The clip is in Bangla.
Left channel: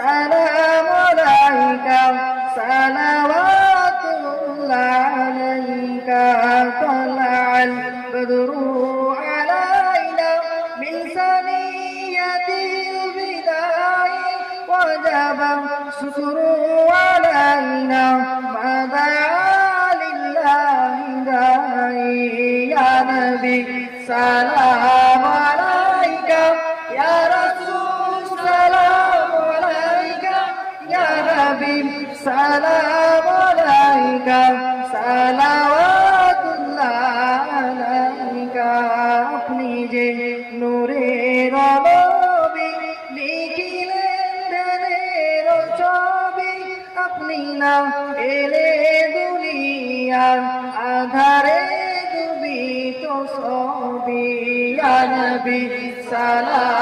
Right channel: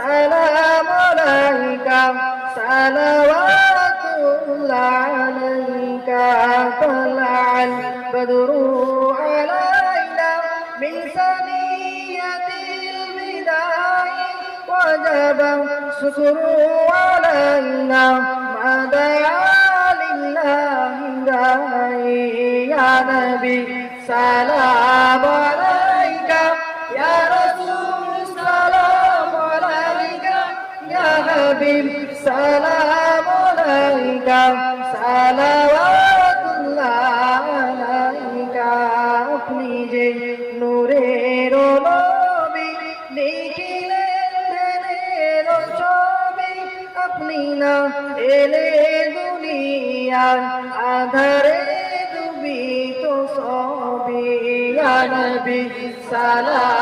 সালাম আলাইকা সালাওয়াতুল্লাহ আলাইকা তালাল বদরু আলাইনা মিন সানিয়াতিল বিদাই ওয়াজাবা শুকরু আলাইনা মাদা লিল্লাহি দাই ইয়া নবী সালাম আলাইকা ইয়া রাসূল সালাম আলাইকা ইয়া হাবিব সালাম আলাইকা সালাওয়াতুল্লাহ আলাইকা আপনি যে নূরের নবী লিখিলেন ধ্যানের ছবি আপনি না এলে দুনিয়ার আধারে ডুবিত সবই ইয়া নবী সালাম